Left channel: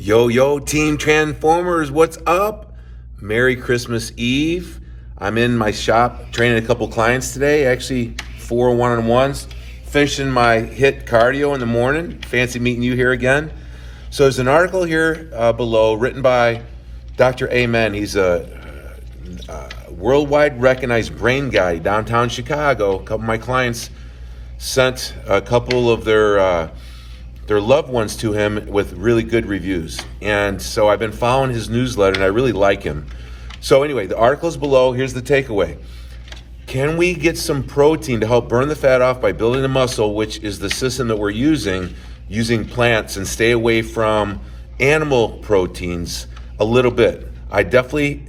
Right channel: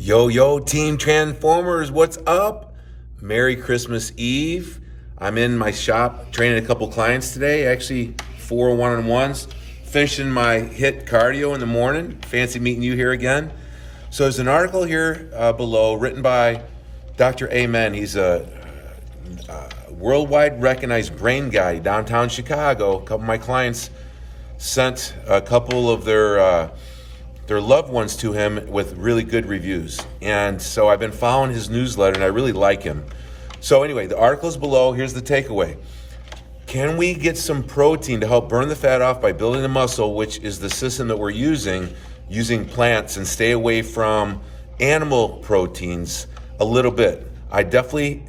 Yo, Team Transformers, what's up? Merry Christmas Eve. I'm in my shop training a couple clients today, actually 4 one-on-ones, finishing my HIIT cardio in the morning. Fancy meeting you here again. So there's an article here below written by Dr. Amen. He's a worldwide recognized brain guy downtown Chicago. A couple of my clients sent a couple of their loved ones to him with really good reviews. And so I've been following his newsletter and I really like him. So anyway, the article's below. Here's the takeaway. Can we get some protein to help burn the fat off by building the muscle, which is the system that we're using plants, and stay away from animal proteins a little bit? I definitely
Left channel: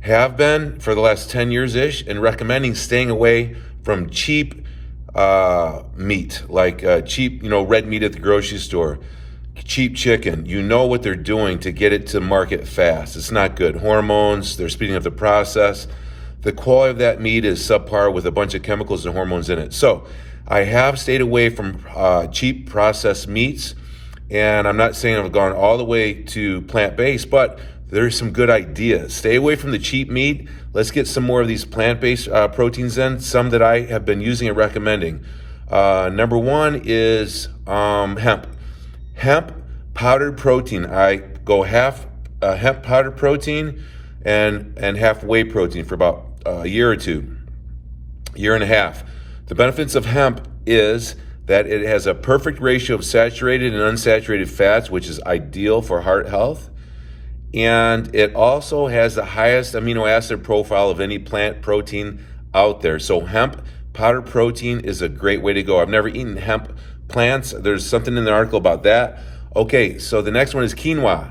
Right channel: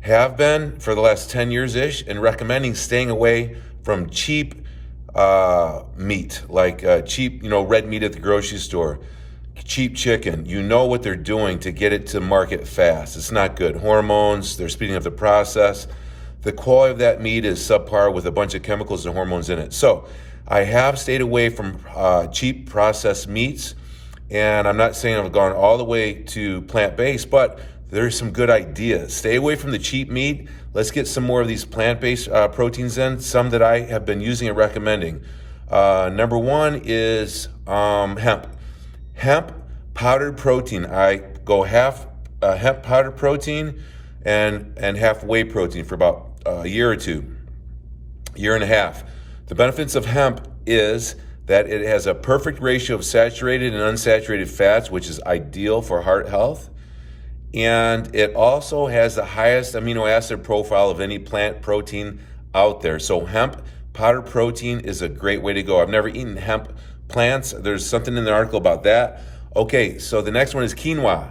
have been for the last 10 years-ish and recommending staying away from cheap meat, like cheap, red meat at the grocery store, cheap chicken. You know what they're doing to get it to market fast. It's not good. Hormones, they're speeding up the process. The quality of that meat is subpar with a bunch of chemicals and hormones in it. So I have stayed away from cheap processed meats, and I'm not saying I've gone all the way to plant-based, but there's some good ideas. Stay away from the cheap meat. Let's get some more of these plant-based proteins in, some that I have been using and recommending. Number one is hemp. Hemp powdered protein. I go half hemp powdered protein and half whey protein for about a year or two, year and a half. The benefits of hemp is that it has a perfect ratio of saturated and unsaturated fats, which is ideal for heart health. And it also has the highest amino acid profile of any plant protein out there. So hemp powdered protein is a great way to go. I've never eaten hemp plants. There's something in the article about that. Okay, so the next one is quinoa.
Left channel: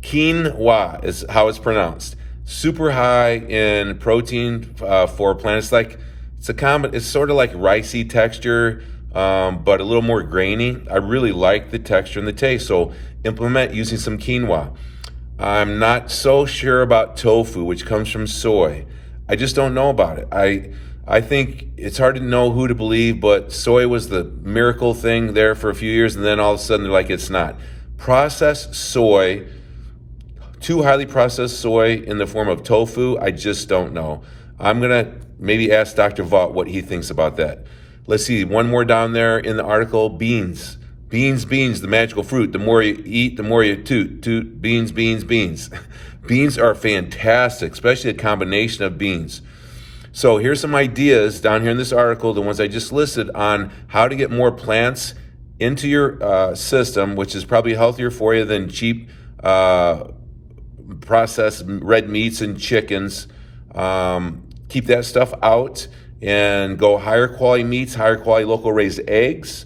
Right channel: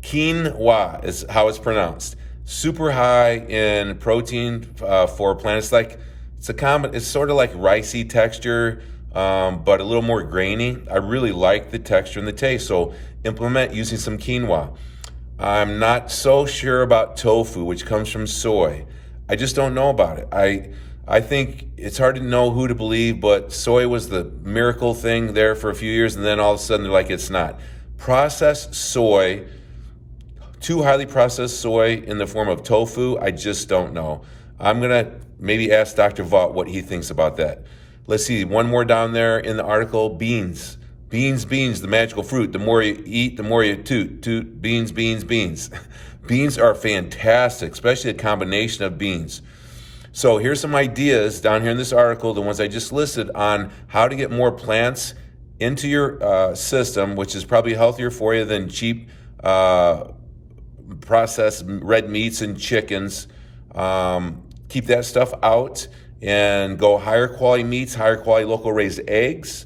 Quinoa is how it's pronounced. Super high in protein for plants. It's sort of like ricey texture, but a little more grainy. I really like the texture and the taste. So implement using some quinoa. I'm not so sure about tofu, which comes from soy. I just don't know about it. I think it's hard to know who to believe, but soy was the miracle thing there for a few years, and then all of a sudden they're like, it's not. Processed soy, too highly processed soy in the form of tofu, I just don't know. I'm gonna maybe ask Dr. Vaught what he thinks about that. Let's see, one more down there in the article, beans. Beans, the magical fruit. The more you eat, the more you toot, beans. Beans are fantastic, especially a combination of beans. So here's some ideas down here in this article, the ones I just listed, on how to get more plants into your system, which is probably healthier for you than cheap processed red meats and chickens. Keep that stuff out and go higher quality meats, higher quality local raised eggs,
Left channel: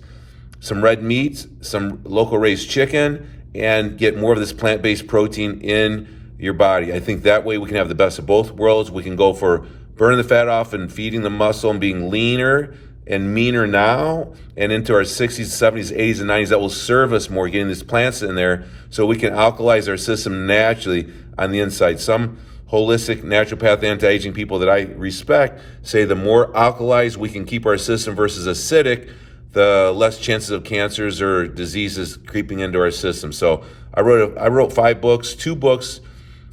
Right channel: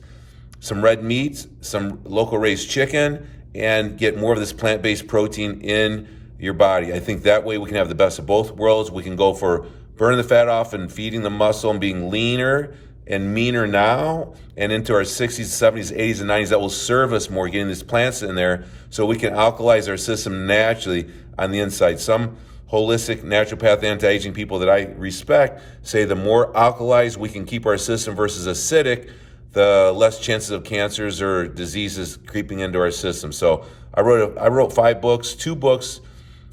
some red meats, some local raised chicken, and get more of this plant-based protein in your body. I think that way we can have the best of both worlds. We can go for burning the fat off and feeding the muscle and being leaner and meaner now, and into our 60s, 70s, 80s, and 90s. That will serve us more, getting these plants in there so we can alkalize our system naturally on the inside. Some holistic naturopath anti-aging people that I respect say the more alkalized we can keep our system versus acidic, the less chances of cancers or diseases creeping into our system. So I wrote 5 books, 2 books,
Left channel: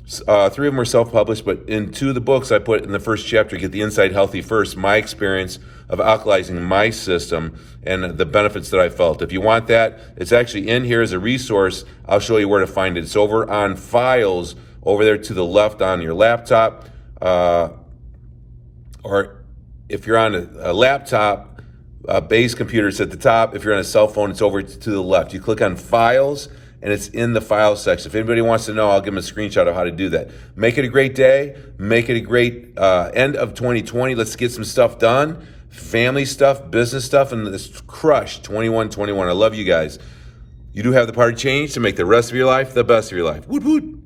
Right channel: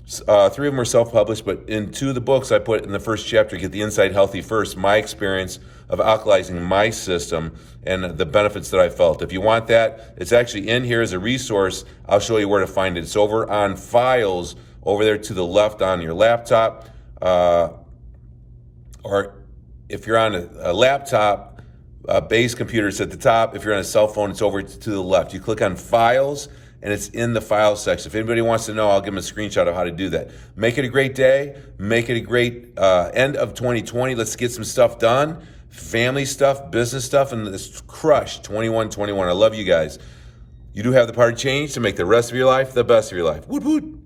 3 of them are self-published, but in 2 of the books I put in the first chapter, Get the Inside Healthy First, my experience of alkalizing my system and the benefits that I felt. If you want that, it's actually in here as a resource. I'll show you where to find it. It's over on files over there to the left on your laptop, or if you're on a laptop, base computer, it's at the top. If you're on a cell phone, it's over to the left. You click on files and it's in the file section. If anybody wants to know, I'll give them a screenshot of how to do that. Make it a great day. Make it a great end of 2020. Let's get some stuff done. Family stuff, business stuff, and let's crush 21. I love you guys. You do have the power to change to make the rest of your life the best of your life. Woot woot.